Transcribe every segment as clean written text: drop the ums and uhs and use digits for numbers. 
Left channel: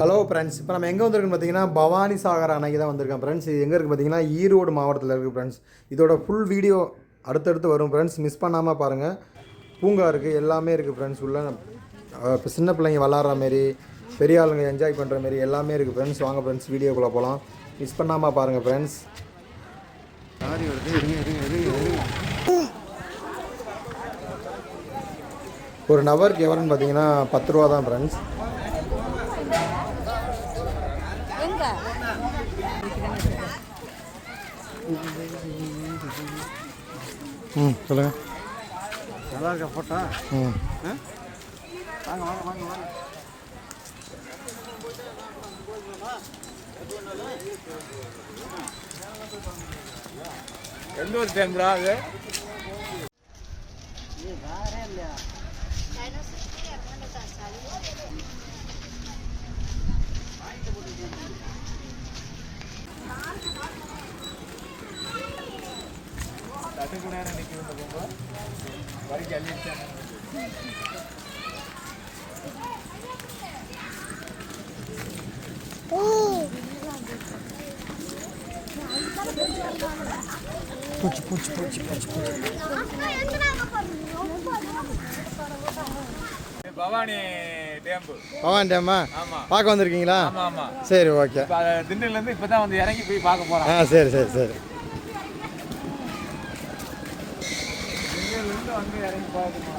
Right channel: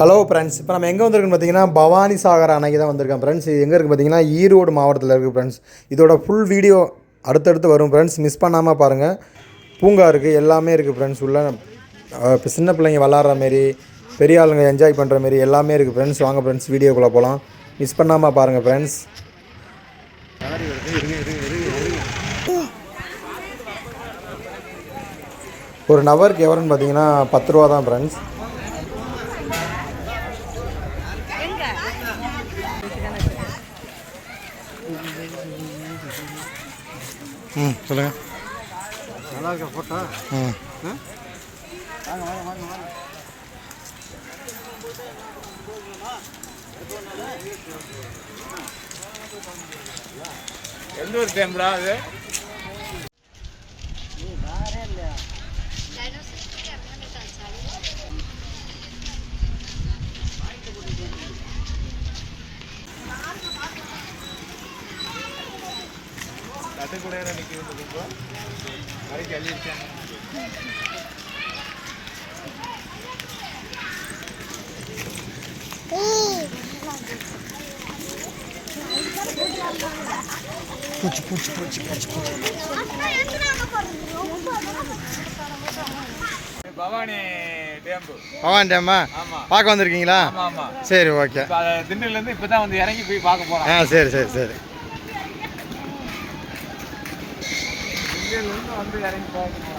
Hello friends, இப்போ நம்ம எங்கே வந்திருக்குன்னு பார்த்தீங்கன்னா பவானி சாகர் அணைக்கு தான் வந்திருக்கேன் ஃப்ரெண்ட்ஸ். இது எங்கே இருக்குது பார்த்தீங்கன்னா ஈரோடு மாவட்டத்தில் இருக்குது ஃப்ரெண்ட்ஸ். இதோட ஃபுல் வீடியோ அடுத்தடுத்து வரும் ஃப்ரெண்ட்ஸ், மிஸ் பண்ணாமல் பாருங்கள். பூங்கா இருக்குது, எல்லாமே இருக்குது ஃப்ரெண்ட்ஸ். உள்ள இப்போ சின்ன பிள்ளைங்க விளாட்ற மாரி, பெரிய ஆளுங்க என்ஜாய் பண்ணுற மாரி எல்லாமே இருக்குது ஃப்ரெண்ட்ஸ். வாங்க ஃப்ரெண்ட்ஸ், வீடியோக்குள்ளே போகலாம். மிஸ் பண்ணாமல் பாருங்கள் ஃப்ரெண்ட்ஸ். ஒரு நபருக்கு எவ்வளோன்னு பார்த்தீங்கன்னா 10 ரூபா தான் ஃப்ரெண்ட்ஸ். சொல்லுங்கள். நல்லா இருக்க ஃபோட்டோ. வாங்க வாங்க வாங்க வாங்க. எந்த டைம்ரா அது? வேற இல்ல. கூட நிற்கிறது வரைக்கும் அள்ளிச்சேன். பூச்சி பூச்சி பூச்சி பூச்சி பூச்சி. பவானி டேம்பு. பவானி டேமா? ஆமாம். பார்க்க வந்திருக்கீங்களா? ஆமாம் ஆமாம். சரி, ஓகே. திண்டுக்கல்லேருந்து இப்போ தான் வந்து இறங்கி போய் பார்க்க போகிறேன். சரி சரி சரி. வந்து இறங்கி பார்க்கணும்.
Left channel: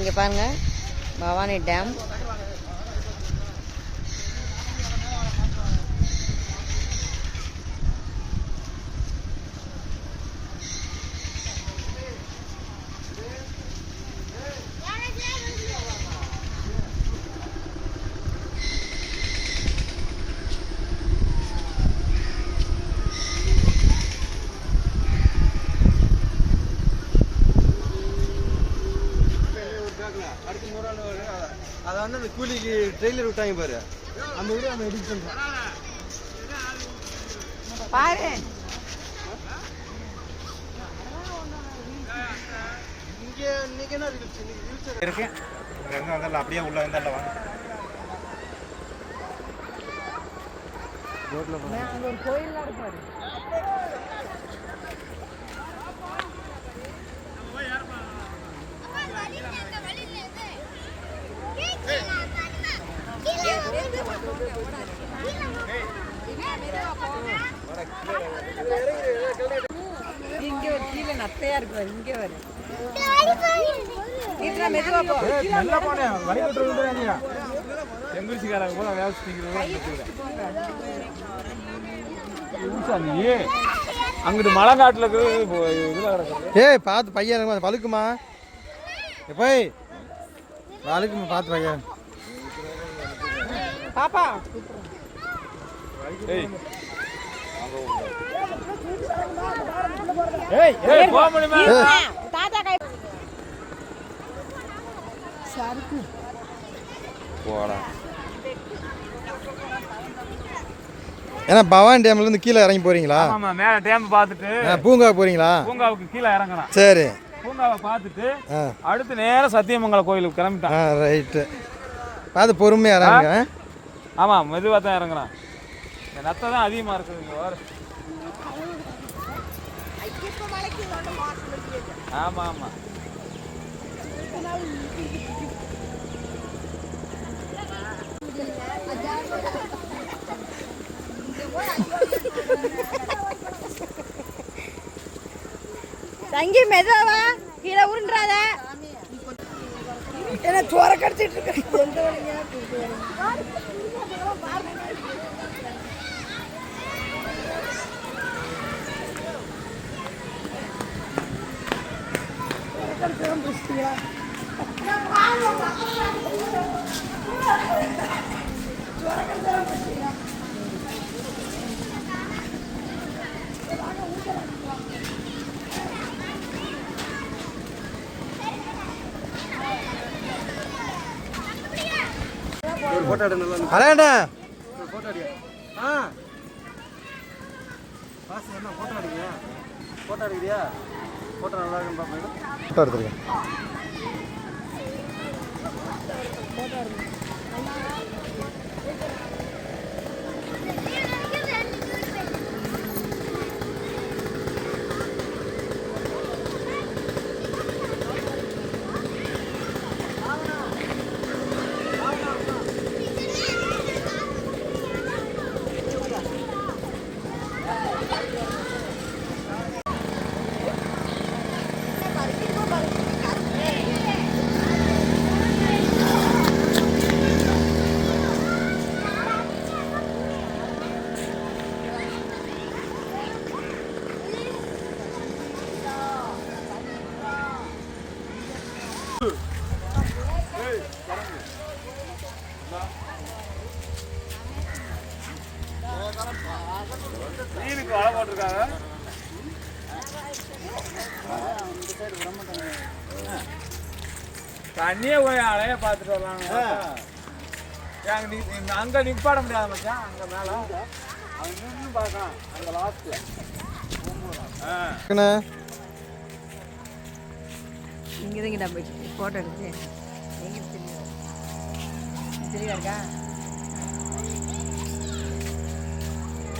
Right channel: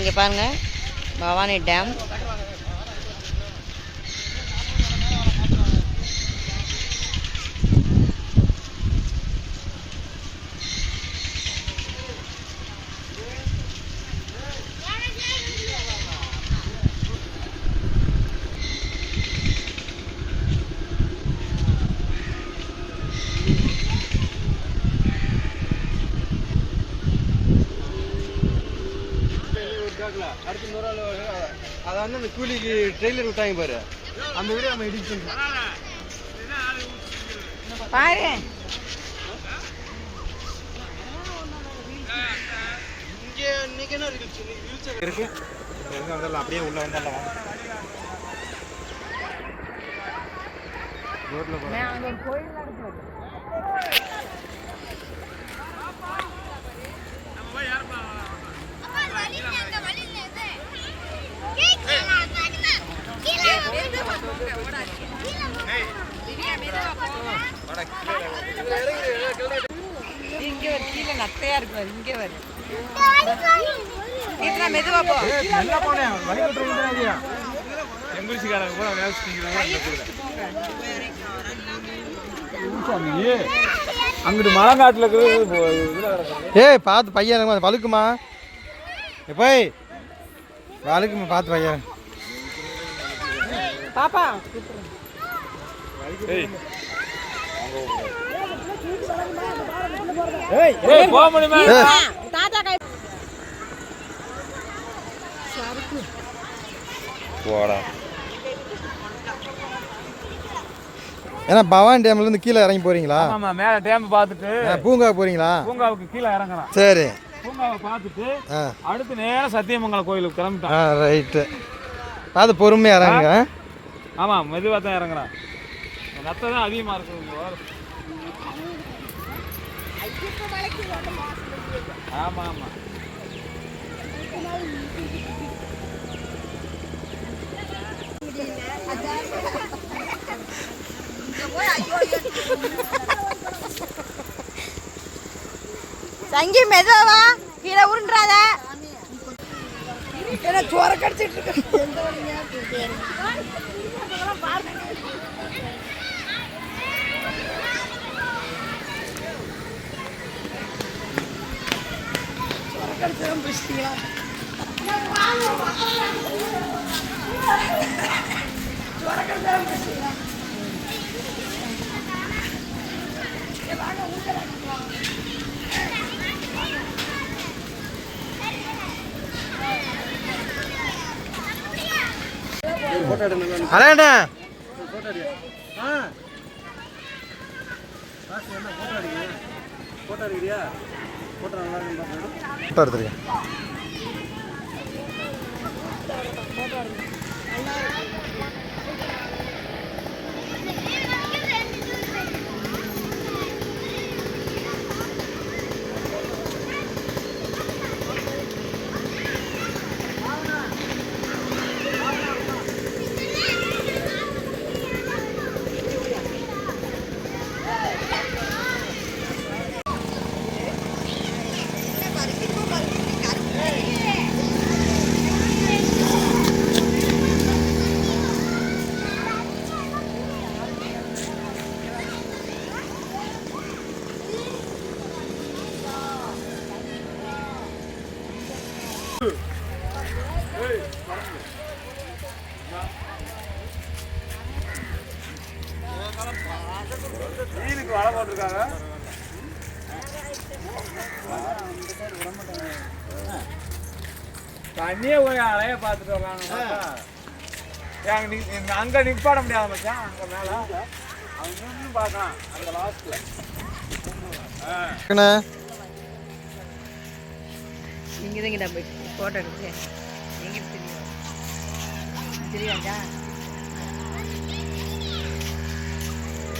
இங்கே பாருங்கள், பவானி டேம். அதை வந்து அந்த கூலிக்கு ட்ரெயிலர் விட்டாங்க பாரு, அந்த வீடியோ நம்ம எடிட் பண்ணுறோம் பாரு. இங்கே இன்னைக்கு என்ன இருக்கு எங்கே வந்தாலும் அப்படியே உள்ள இருந்தாலும் வாங்க. இங்கே கீழே நத்தையா இருக்கு, இங்கே வரு. மெதுவா போ. எங்கிலீஷ்காரங்க கூட அங்கிட்டு மலைநாட்டில் இருக்கிறது. ஏய், பார்த்து பையன் வழுக்குமா? போய் வழுக்குமா, பார்த்து பையன். பாப்பா ஏன்னா பவானி டேம்ல இருந்து கீழே இறங்கி போறீங்களா? ஆமா, மேல டேம் பார்த்துட்டு பூங்கா போறீங்களா? பூங்காவுக்கு கீழே இறங்கலாம். சரி, பூங்காவை பார்த்துட்டு அடுத்து நேரம் சத்தியமங்கலம் கோயிலுக்கு கிளம்பிட்டான். ரைட்டு, பார்த்து பொறுமையாக இறங்குங்க. ஆமாம், மெதுவாக தான் இறங்குறான். நத்தை தான் அதிகமாக இருக்குது. ஆமாம் ஆமாம். சங்கி மெதுவா கீழே உருண்டாத. என்ன சோற கடிச்சிட்டு இருக்கு. ஒரு ஃபோட்டோ எடு நல்லா அண்ணா ஒரு ஃபோட்டோ அடி காசு என்ன ஃபோட்டோ அடிங்க ஃபோட்டோ அடிக்கிறியா ஃபோட்டோ நல்லா இருக்குன்னு பார்ப்பேன் ஃபோட்டோ எடுத்துருக்கேன். மீனுக்கு வலை போட்டிருக்காங்க. தண்ணியே போய் அலைய பார்த்துட்டு வரலாங்க. அங்க நிப்பாட முடியாது மச்சான். அங்க மேல அங்கேயும் பார்க்கலாம். அந்த லாஸ்ட்ல இங்கே தான் கிட்ட போயிட்டு ஃபோட்டோ எடுத்து எங்கே தெரியும் தெரியாதா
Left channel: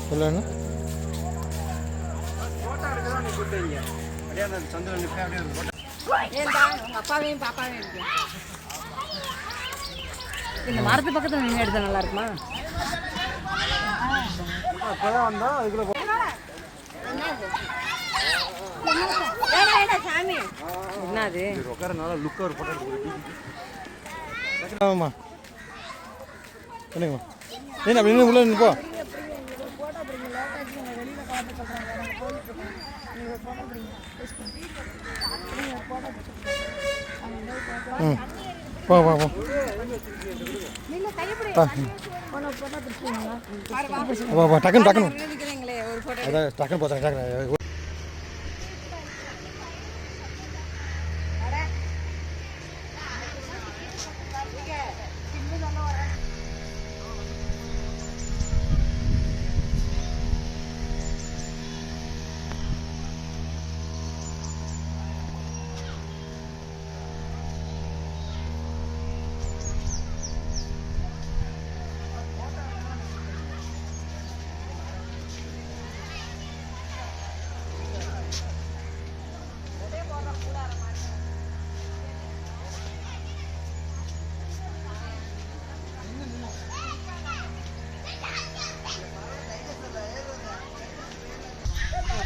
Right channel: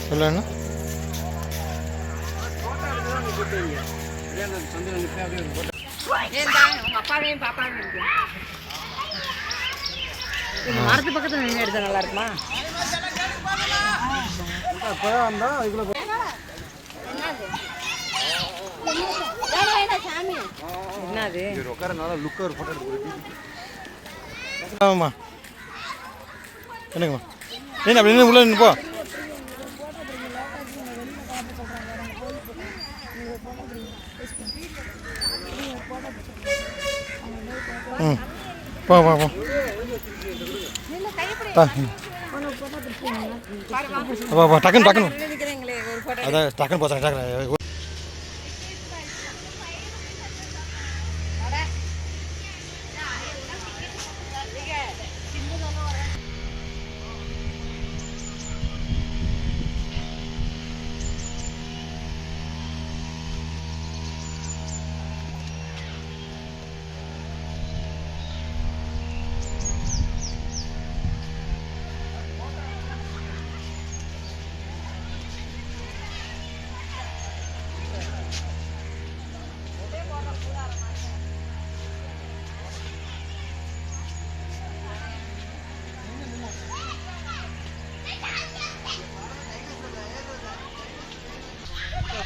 சொல்லுண்ணா. ஃபோட்டோ எடுக்கலாம் நீ கூப்பிட்டீங்க அதே அந்த சந்திரன் நிற்க அப்படியே ஒரு ஃபோட்டோ ஏன்டா உங்கள் அப்பாவையும் பாப்பாவையும் இருக்கு இந்த மரத்து பக்கத்தில் நின்று எடுத்தா நல்லா இருக்குமா தேவை வந்தால் அதுக்குள்ளே சாமி என்னது உட்காரனால லுக்காக ஒரு ஃபோட்டோ எடுத்துக்கிறேன். ஆமாம்மா என்னங்கம்மா ஏன் அப்படி நின்று உள்ள நின்று போ. ம் போ போ போ டக்குன்னு டக்குன்னு ஒரு ஃபோட்டோ அதான் டக்குன்னு போச்சாங்க டக்குன்னு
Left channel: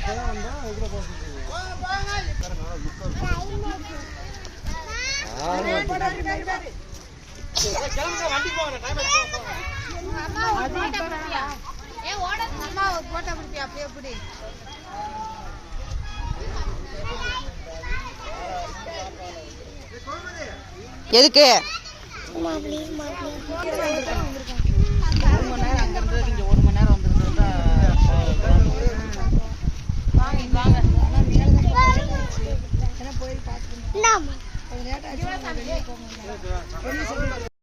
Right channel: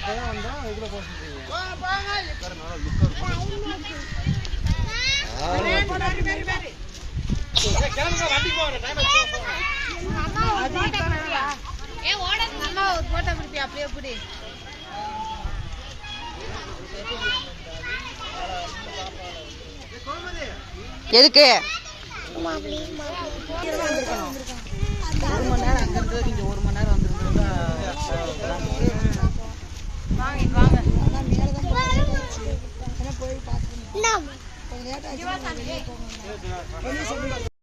தேவை வந்தால் அதுக்குள்ளே போக சொல்லுங்க. உட்காரனால லுக்காக எதுக்கு வாங்க